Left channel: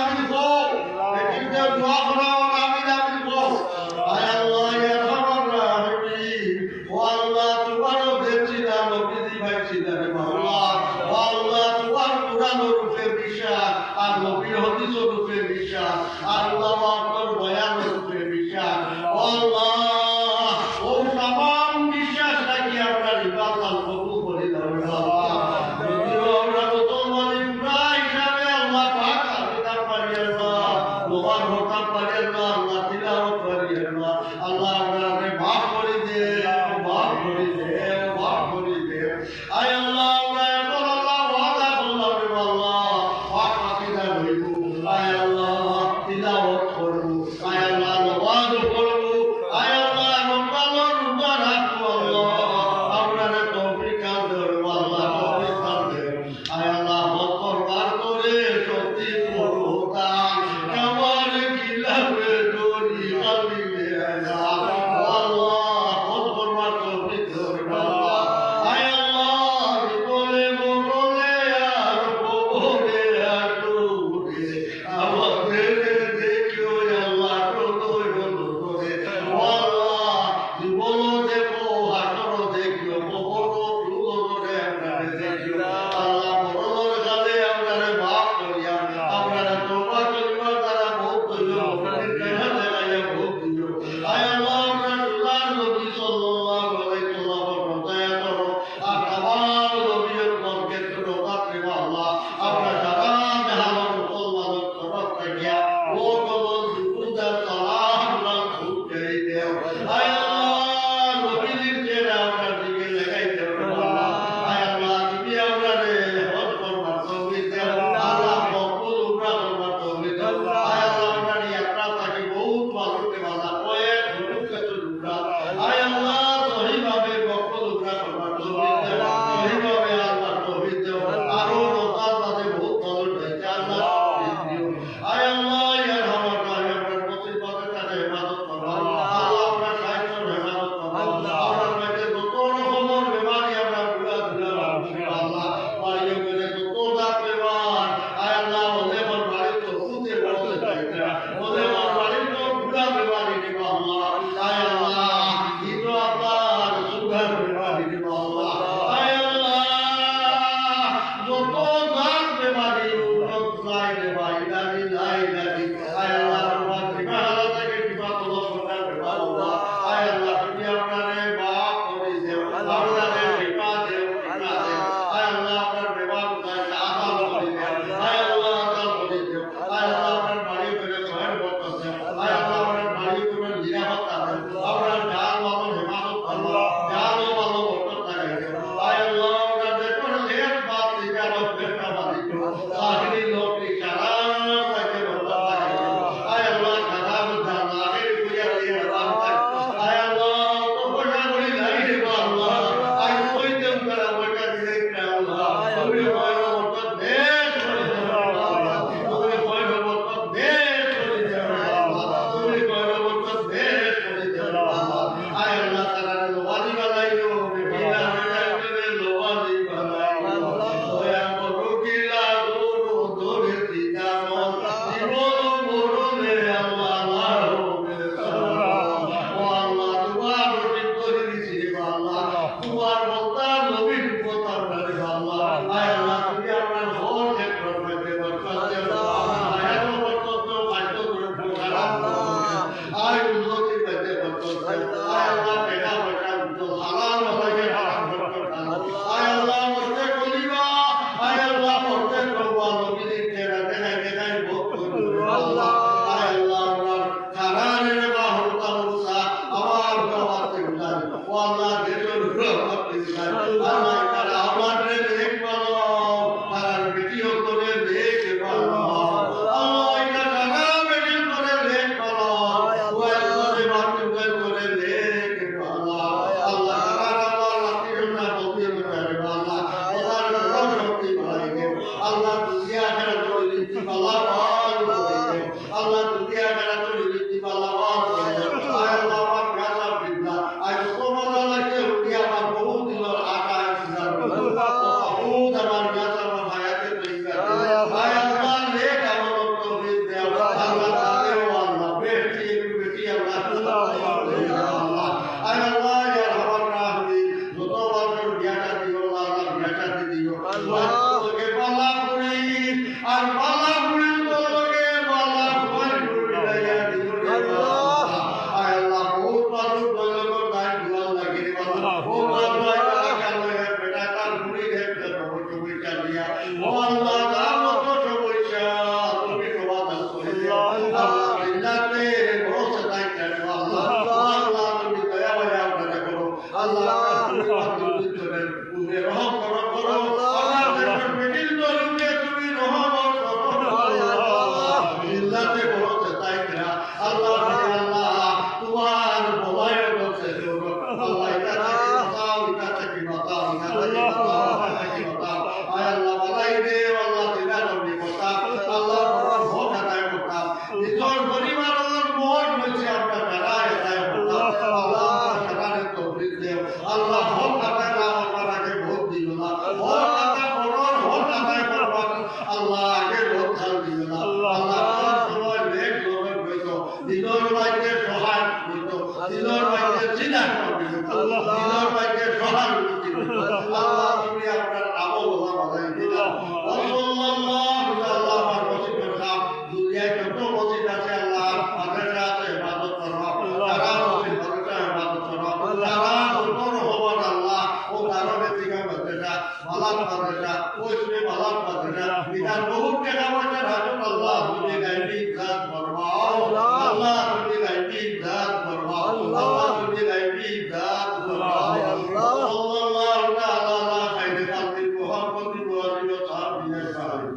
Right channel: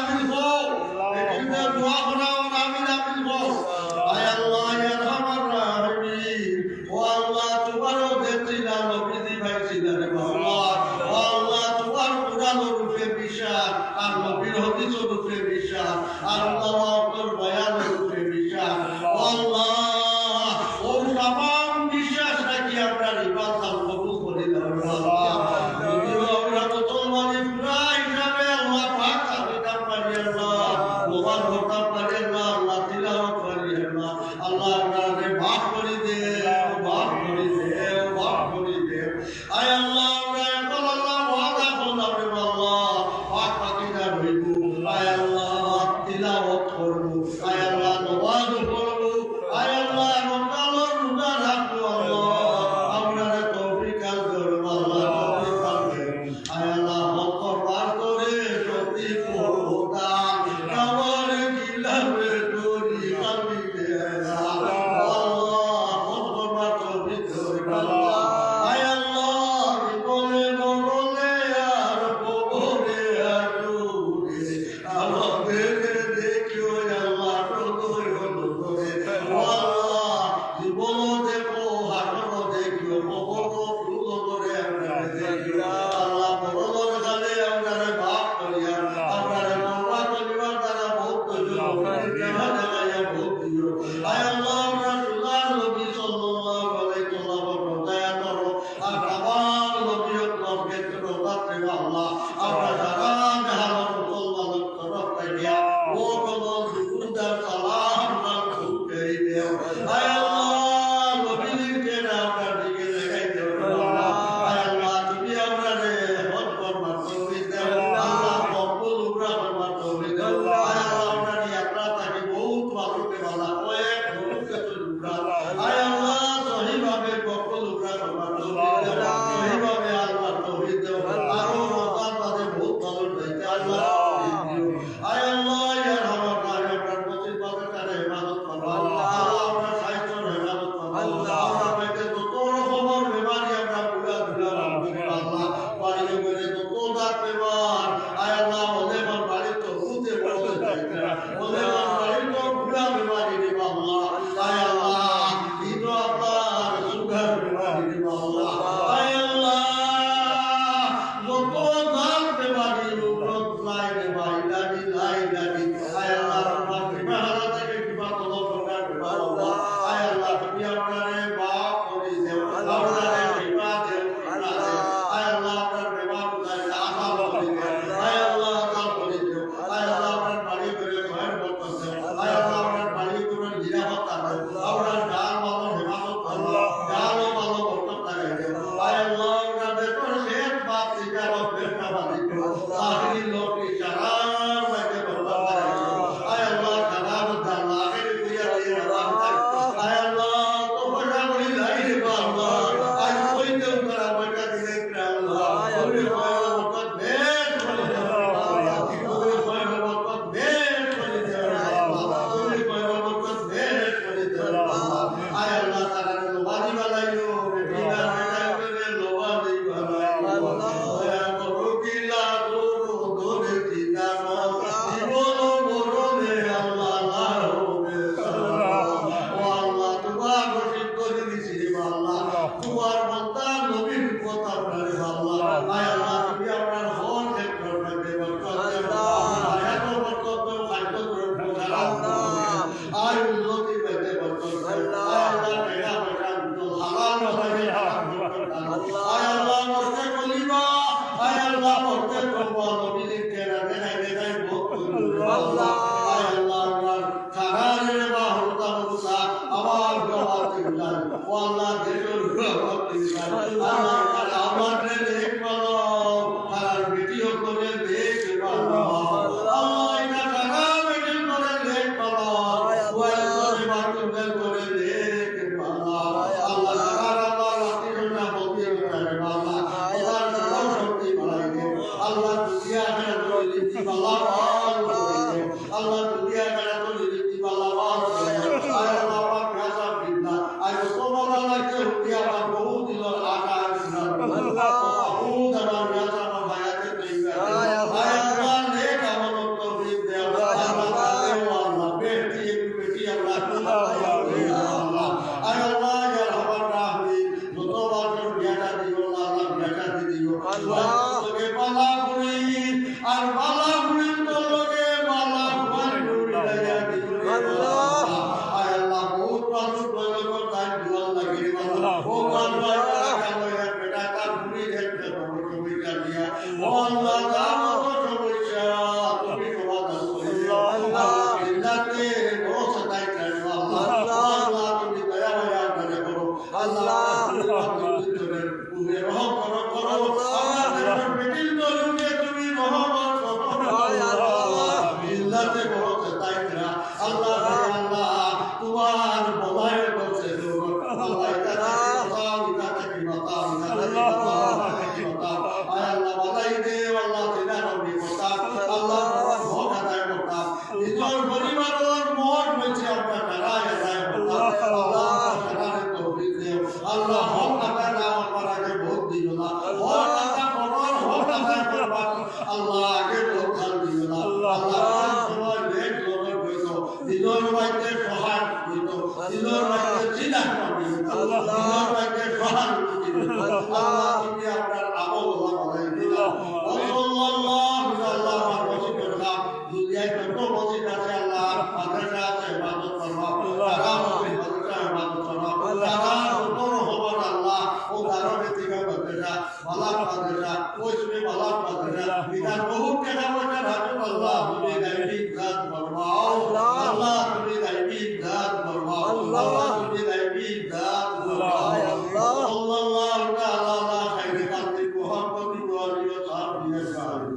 হাফিজ হও একিনদের দোয়া করাও আমিন হাফিজ হও আয় আল্লাহ ইয়া রহমান রাহিম ও আল্লাহ তোমারও দেখছি না নবীজি ভাইছি না রে আল্লাহ ও আল্লাহ তোমার কুরআন রূপে বিশ্বাস আর নবীর হাদিস রূপে বিশ্বাস আল্লাহ আপনার বয়ান রূপে বিশ্বাস ও আল্লাহ ও तमाम বিশ্বাস রাখি আমরা ইবাদত কবুল করে দাও আল্লাহ যদিও আমরা মুসলমান ইব্রাহিম হিসাবে আল্লাহ পাক আবিদার পারি আল্লাহ মোবারক হতাম পারি আল্লাহ তিলাওয়াত পারি আল্লাহ আমাকে মাফ করে দে মাফ করে দে মাফ করে দে আয় আল্লাহ আমরা এখন আল্লাহ ওয়াদা করলাম রে আল্লাহ পাক আকিদা হইব আয় আল্লাহ তিলাওয়াত করব আয় আল্লাহ নামাজ পড়ব আয় আল্লাহ রমজানের রোজা রাখবো আল্লাহ আমরা তৌফিক দাও আল্লাহ তৌফিক দাও আয় আল্লাহ হক করবার করে তৌফিক করোটা আমার গিলাফে দড়ি কালি দে আল্লাহ হক করবার তৌফিক দাও আয় আল্লাহ বলে বলে আর বলে আটুরে আমাদের দেখিও আল্লাহ প্রদয় করে আল্লাহ জীবন দেখো হাতর দেখিও বড় দুলরে আমরা দেখিও আল্লাহ বড় গালে আমরা মাফ করিয়া আমরা তোবা করিবার দ্বারা বহুত কেনা জায়গা বহুত দিও আয় আল্লাহ আমরা সুলার নবী সাল্লাল্লাহু আলাইহি ওয়াসাল্লাম দয়া করো আর তামাম নবীয়ত ক্ষেত্র রাতে আল্লাহ আমরা যারা জাহান মুসলমান তরফ রাখিয়া ও কবল দুরুদার সালাম আল্লাহ খুঁজে দেও আয় আল্লাহ নবীর চেহারা আমরা দিকে লাগাই দেও আল্লাহ আয় আল্লাহ তুমি আমরা রে হক করবার তৌফিক দেও আল্লাহ কবুল উমরা করবার তৌফিক দেও আয় আল্লাহ আমরা ইয়াত্রা থাকি বহুত মানুষকে আল্লাহ কয়েক মুখে উমরা আয় আল্লাহ সহিভাবে কবুল উমরা করবার তৌফিক দেও সহিভাবে আল্লাহ তৌফিক দেও আরো রমজান মাসে বহুত ভালো হইতে আল্লাহ তৌফিক দিও আয় আল্লাহ ইয়া রহমান রাহিম আমরা মুসিবতের কারণে ইবাদত করব আল্লাহ আমরা সাহিত্যের ইবাদত করব আমরা পাইতে যত রকমের বেমারি আমরা পুরা পুরা আল্লাহ বাড়ি করে যত দাঁত বেমার আয় আল্লাহ ওলে আমার বাড়ি তো খুঁজে বসে থাকে ওলে আমার বাড়ি তো পুরা বেমারি দিব আল্লাহ আয় আল্লাহ ইনো আপনার সুগার বেমারি দিব আল্লাহ আয় আল্লাহ যত দাঁত বেমারি উন্নত লাই বেমারি লাগি লাই লাগি আয় আল্লাহ আমরা বিবাহ থেকে বিবাহ প্রকার বেমার আল্লাহ আয় আল্লাহ তুমি আমারে মাফ করে দেও আমারে বিবাহ দেও আয় আল্লাহ আপনার বিবাহ করে আসান করে দেও আয় আল্লাহ আসান করে দেও আয় আল্লাহ আপনার বাড়ি করে ঘর বরকত দেও আয় আল্লাহ আপনার বাড়ি করে নিরাপত্তা দেও আপনার জান মাল হেফাজত করো জান ও মাল বরকত লাগাই দেও আয় আল্লাহ আপনার দেখো শেষ বাত থেকে আমার বেটা বাদি তো তাহলে লোক ইশারাত রাখে বরকত লাগাই দেও আয় আল্লাহ খারাপ জানা আগে বুঝা দিয়ে বরকত আয় আল্লাহ তো বড় বড় লাই রে আল্লাহ আই কইতে করা বড় দিলে আল্লাহ তুমি বরকত দে করে দাও আল্লাহ তুমি বরকত দে করে দাও আল্লাহ তুমি বরকত দে করে দাও আল্লাহ আয় আল্লাহ তাআলা নওয়াজি বানাইও বিনা বেলাইবে নওয়াজি বানাইও দয়া করো কিলা গুরু দরে দিনা মত জীবন মরণে আল্লাহ লাহবে আল্লাহ ও আল্লাহ তোমার রশিদ করে দিছি আল্লাহ তোমার বান্দা নবীর কথা বলে আল্লাহ আয় আল্লাহ তুমি আপনার হর ক্ষেত্র মধ্যে বরকত দাও আয়াত বরকত দাও খাদ্য দ্রব্য সারা আয় উন্নতি মধ্যে বরকত দাও আয় আল্লাহ টাকা পয়সা তো হালাল রাখে আয় আল্লাহ মস্তে কলিবা আয় আল্লাহ মস্তে করবা নবীর কেরা দেখাই দেখাই ভোগ করবে আল্লাহ আয় আল্লাহ আমার খারারে বা হরতা মুসা আমার গাওয়াতে উঠান ও আল্লাহ দেশের গাওয়াতে উঠান আল্লাহ তারা আমার দেখ ভালো তার ভিডিও করে দেখ ভালো আল্লাহ এটা টাকা বেশি করে দেখ ভালো ওই করে মাটি করে দেখ ভালো আল্লাহ তারা আল্লাহ রাতে না বলতে পারে আল্লাহ আল্লাহ শক্তি বাড়াইবে আল্লাহ দুনিয়া আখেরাত করে লিখি আল্লাহ আল্লাহ দুনিয়া আখেরাত করে লিখি আল্লাহ আয় আল্লাহ পাক গাজা বিন্দা আয় তোমার কে উঠি আমার বহু দিনের আকাশ বহুত আমার গাজা হায়াতে তৈরি আয় আল্লাহ নেক আমল তৌফিক তোকে বালা করি আর বালা করি তোকে বালা করি লাইয়া দিও রে বাবা আয় আল্লাহ বহুত মানুষ বলগো তাই দুয়া লাগি বাবা ও বাবা আল্লাহ বেটা তার মুড়ি একটা বড় বইটা দিয়া ও আল্লাহ দাও তো সমস্যা তুমি সমাধান করে দিও আল্লাহ জিন্নাতে বড় সদাই করে আল্লাহ আল্লাহ তুমি দয়া মায়া করে করো আল্লাহ তুমি রহম করো করো আল্লাহ বেটির দরুনে তুমি রহম করো আল্লাহ জিন্নাতে বড় সদাই করে আল্লাহ আল্লাহ তোমার বলায় করছে আল্লাহ এটা বাঁচাও এটা থেকে বাঁচাও এটা থেকে বাঁচাও আয় আল্লাহ বালাই দে আল্লাহ দিনা করবি বাঁচাও আল্লাহ ভোগ আদায় করতাম নিজের পরিবারের মন হয়েছে আমরা ফেরায় আদায় করতাম আল্লাহ ফেরানোর তৌফিক দেও আল্লাহ ভোগ আদায় না আমার আগে ভোগ দিল না ভোগ আদায় করার ভোগ আদায় করবার আল্লাহ আগে ভোগ ধার দিল না আল্লাহ সময় বেগ লোভে হইতো দিনের বাইকে সহায় হইতো দিনের বাইকে জিনা হইতো দিনের বাইকে সহায় হইতো আল্লাহ তুমি আপনার আবহাওয়া বানাই দিলা সাল্লাল্লাহু আল্লাহ পাক মসজিদের কাম দুনিয়ায় কত মসজিদ আছে আল্লাহ মাদ্রাসা আছে ইবাদত করো তারা মসজিদ মাদ্রাসা ইবাদত করো তারা নূর হবার আল্লাহ ও দারবে থেকে মাদ্রাসা মালাক মাদ্রাসা ওইসবে মালাক মাদ্রাসা বিধান বহুত টাকা পয়সা রাখো আল্লাহ তুমি গাইবি জাত ফরমাও আল্লাহ তুমি গাইবি জাত ফরমাও আল্লাহ তুমি গাইবি জাত ফরমাও সাল্লাল্লাহু তাআলা আলা খাইরি খালকি মুহাম্মাদি ওয়া আলিহি ওয়া সাহবিহি আজমাইন